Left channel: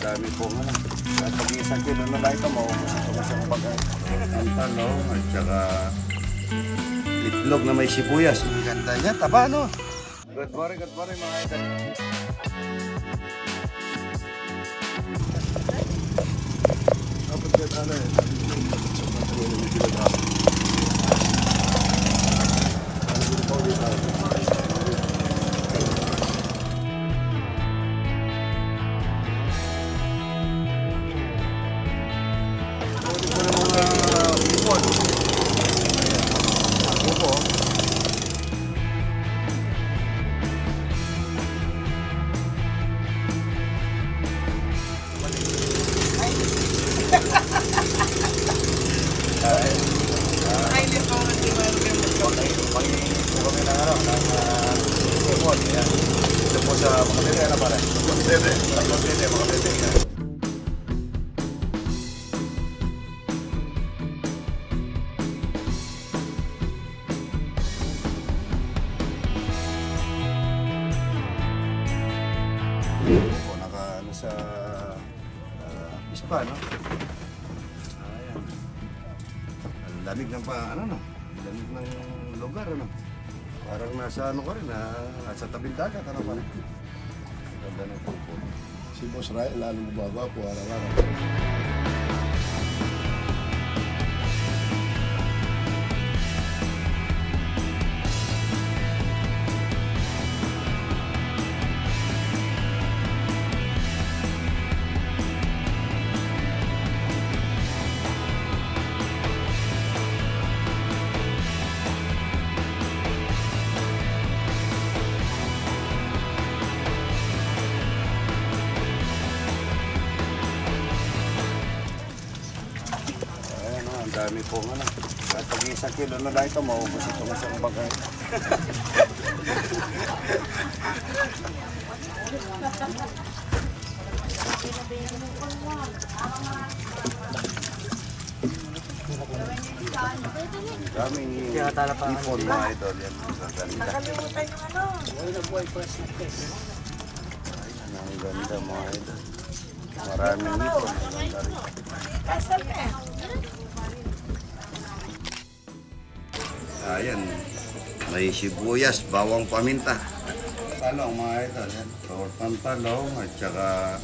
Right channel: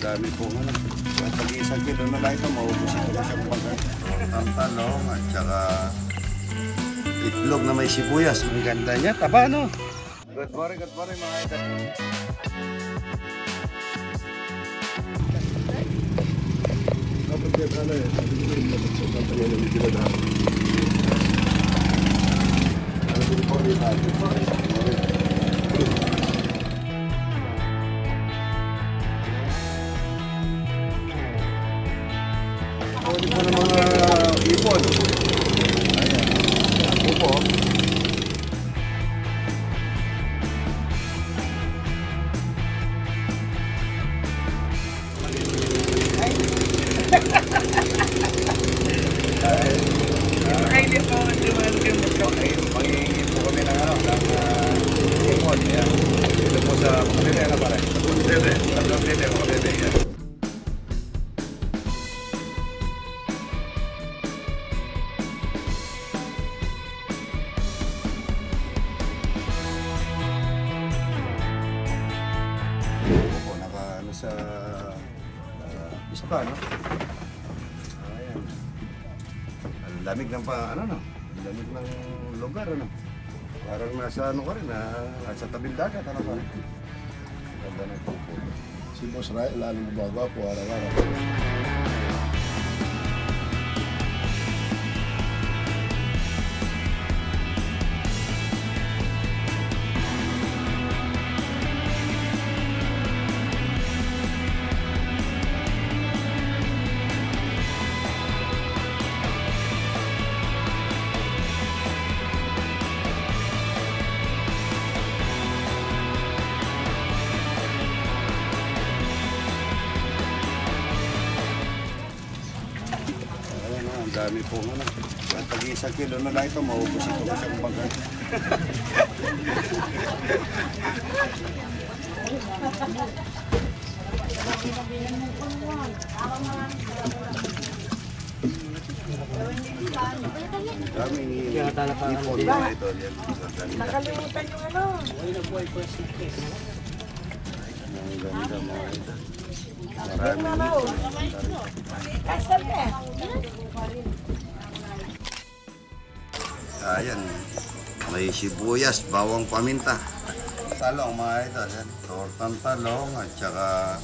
dami po nga. At pag isang kilo na lang ito, maubos ito sa baga. Ang talong at saka itlog na may sibuyas. Ang ganda niya. Taba, no? Good morning mga idol. Dapat yan ano eh. Sabi ko yung dapat sa tatangin ng kilogram. Ang gulo po rin ay. Ipon. Pangingin po kami ng ano, ng ipon. Ito po sa mga bebe, ano pare? Bebe, mga bebe. Po, naka ano sa ispa, no? Ayan. Ang lamig ng ano, no? Ang lamig ng lugar, ano? Parang nasa ano ka rin, nasa tabing dagat, ano pa rin? Ganda ng pupo. Si Boss Ray, lalo bumaba po araw-araw. Ang dami po nga. At pag isang kilo na lang ito, maubos ito sa baga. Ang daming ipon mga idol. Nakalimutan yung ano. Ang ganda mga idol. Maraming Kasal na. ayan, may sibuyas, bawang paminta. Talong mga idol, yan. Tortang talong at saka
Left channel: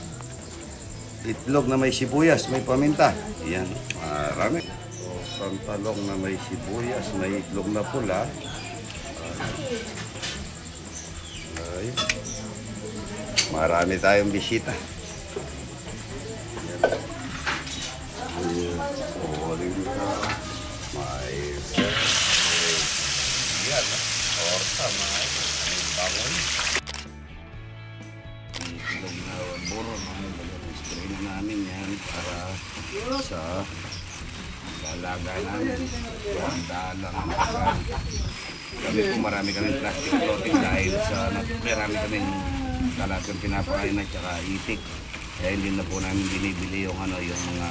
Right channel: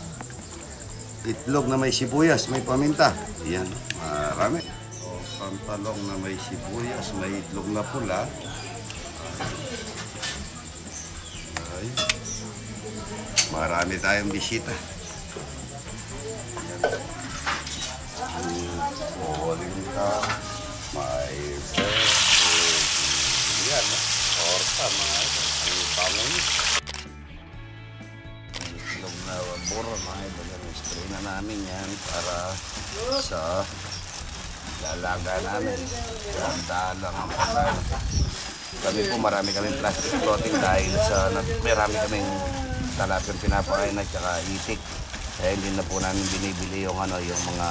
itlog na may sibuyas, may paminta. Yan, marami. Tortang talong na may sibuyas, may itlog na pula. Ayan. Marami tayong bisita. Yan. Polinta, may yan, torta mga ito. Ang bangon. Ang itlog na buro mga ito. Spray na namin yan para sa dalaga namin. Ganda lang ang pagkain. Kami po marami kaming plastic clothing dahil sa marami kaming talapang pinapakain at saka itik. Kaya hindi na po namin binibili yung ano, yung mga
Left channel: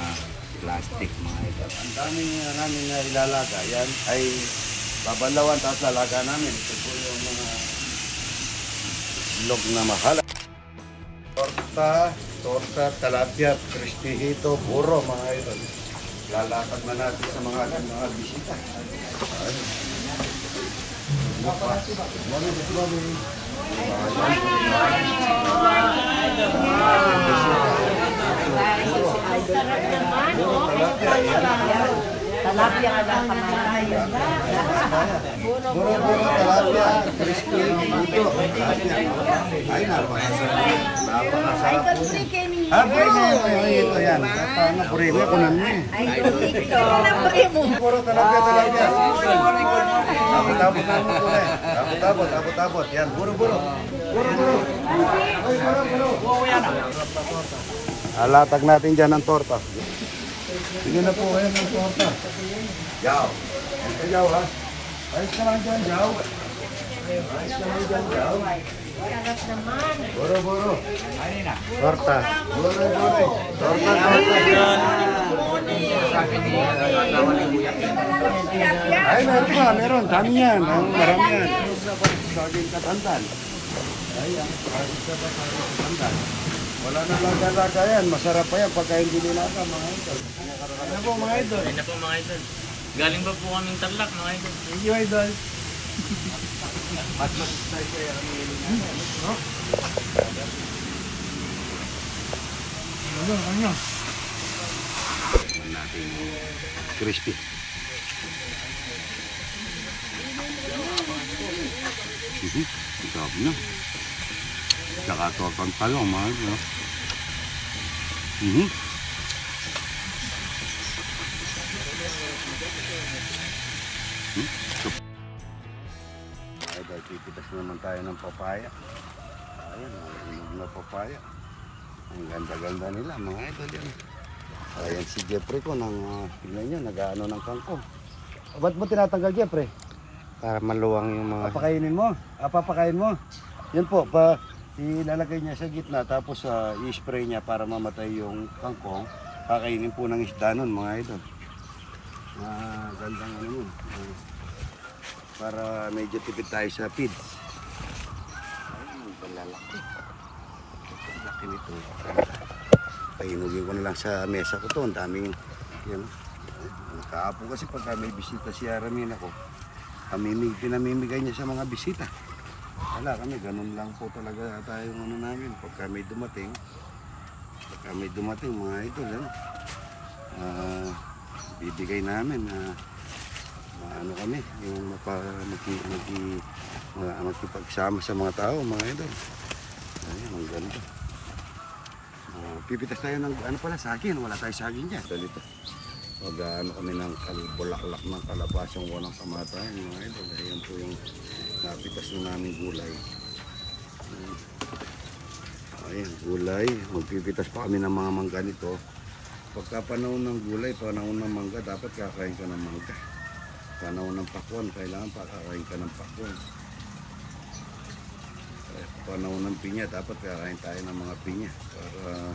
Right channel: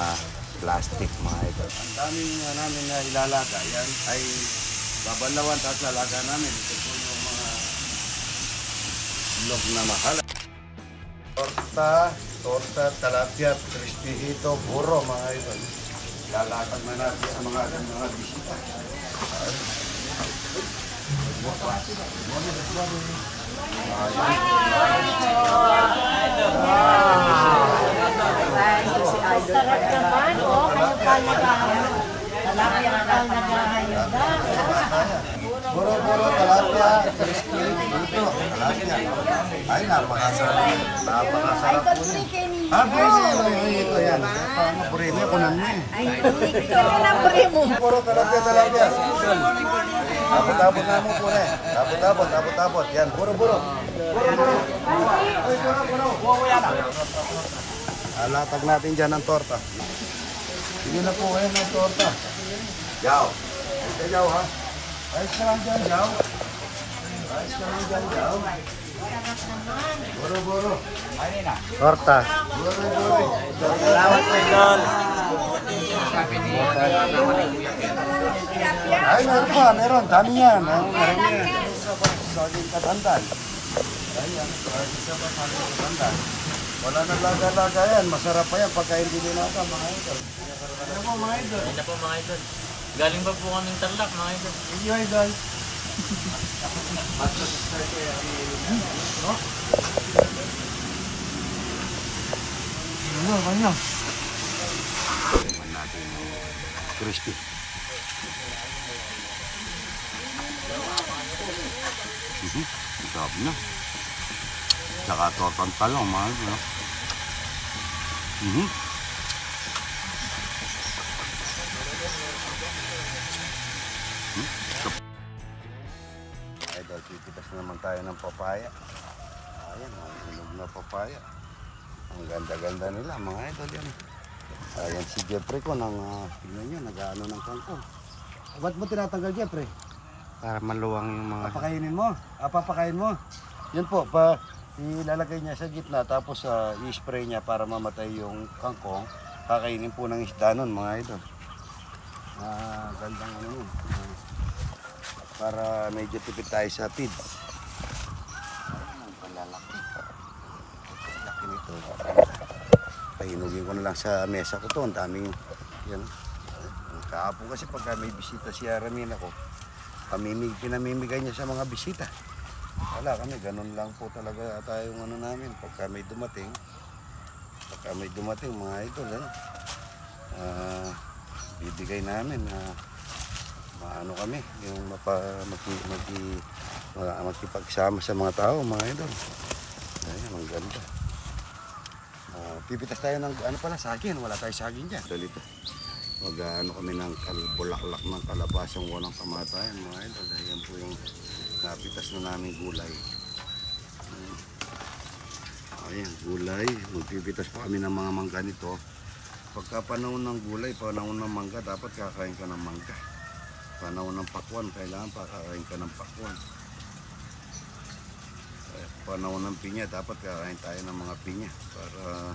plastic mga ito. Ang dami namin na ilalaga yan ay babalawan tapos lalaga namin. Ito po yung mga log na mahal. Torta, talapia, cristihito, buro mga ito. Lalatag na natin sa mga bisita. Talapia nga lang kamatayan. Buro-buro, talapia, crispy, buto. Ay, napakasarap. Napakasarap po niya. Ito yan. Pangapurimi ko na niya. Buro, talapia. Abot-abot namin po eh. Abot-abot. Yan, buro-buro. Buro-buro. Alatag natin dyan ang torta. Sige na po kayo ng torta. Yaw. Ito yaw ha. Ayos ka lang dyan, yaw. Ayos ka lang dyan, yaw. Buro-buro. Torta. Buro-buro. Torta. Ay, meron pa. Meron. Dami yan. Marami yan. Sa aking katandan. Ay, sa aking katandan. Wala na laga-laga yan. Masarap pa yan pagka hindi nilaka mga idol. Ano po mga idol? Ayun na po mga idol. Galing ba po kaming Tarlac mga idol? Thank you idol. Ano, kanya? Tingnan natin yung crispy. Ang sarap na. Tsaka tortang talong mga idol. No? Idol, pipitas na naman tayo ng papaya. Ayan, ang hinog na papaya. Ang ganda-ganda nila mga idol yun. Ayan si Jeffrey ko nang tingnan nyo, nag-ano ng kangkong. Ba't mo tinatanggal Jeffrey? Para maluwang yung mga... Papakainin mo? Papakain mo? Yan po, ilalagay niya sa gitna tapos i-spray niya para mamatay yung kangkong. Kakainin po ng isda nun mga idol. Gandang ano yun. Para medyo tipid tayo sa feeds. Ayun, ang palalaki. Ang laki nito. Pahinugin ko na lang sa mesa ko to. Ang daming yan. Kahapon kasi pagka may bisita si Aramin ako, pinamimigay niya sa mga bisita. Wala kami, ganun lang po talaga tayong ano namin. Pagka may dumating mga idol, ano, bibigay namin maano kami, yung makipagsama sa mga tao, mga idol. Ayun, ang ganda. Pipitas tayo ng ano pala, saging. Wala tayo saging dyan. Dalito. Mag-ano kami ng bulaklak ng kalabasang walang kamatayan, mga idol. Ayan po yung napitas na namin gulay. Ayan, gulay. Magpipitas pa kami ng mga mangga nito. Pagka panahon ng gulay, panahon ng mangga, dapat kakain ka ng mangga. Panahon ng pakwan, kailangan pa kakain ka ng pakwan. Panahon ng pinya, dapat kakain tayo ng mga pinya para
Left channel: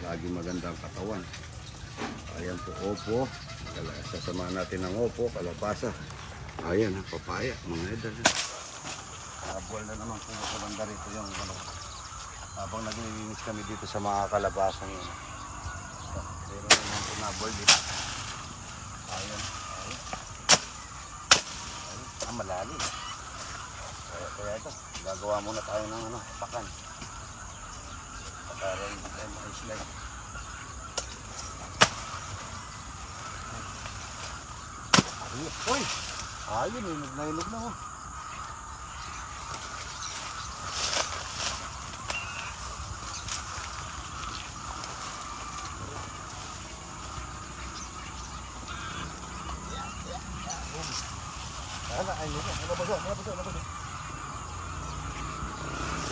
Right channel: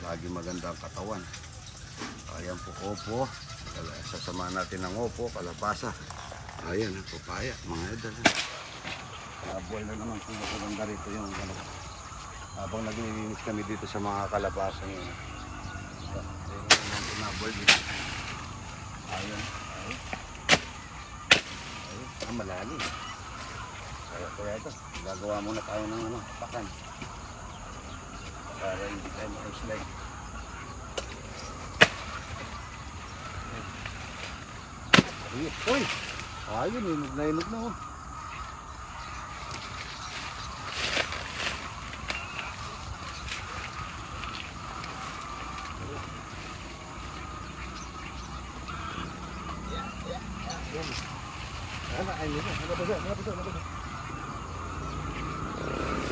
lagi maganda ang katawan. Ayan po, opo. Sasamahan natin ng opo, kalabasa. Ayan, papaya, mga idol. Buwal na naman kung maganda rito yung habang naglilinis kami dito sa mga kalabasa nyo. Pero dito. Ayan, ayan. Ayan, malalim. Kaya ito, gagawa muna tayo ng pakan. Para hindi tayo makaslide. Uy! Ayun, inog na oh. Nabasa.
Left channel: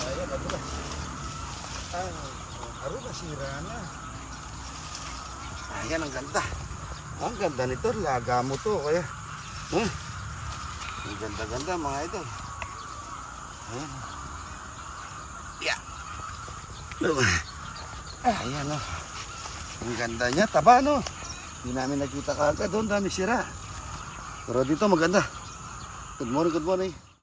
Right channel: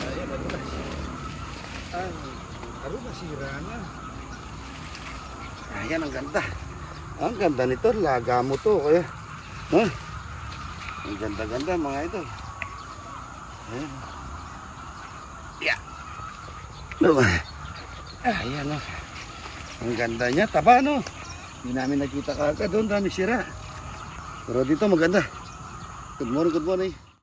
Ayan, nadulas. Ang karoon na sira niya. Ayan, ang ganda. Ang ganda nito, laga mo to. Kaya, ang ganda-ganda mga idol. Ayan. Yeah. Ayan o. Ang ganda niya, taba no. Hindi namin nakita kagad doon, dami sira. Pero dito maganda. Good morning.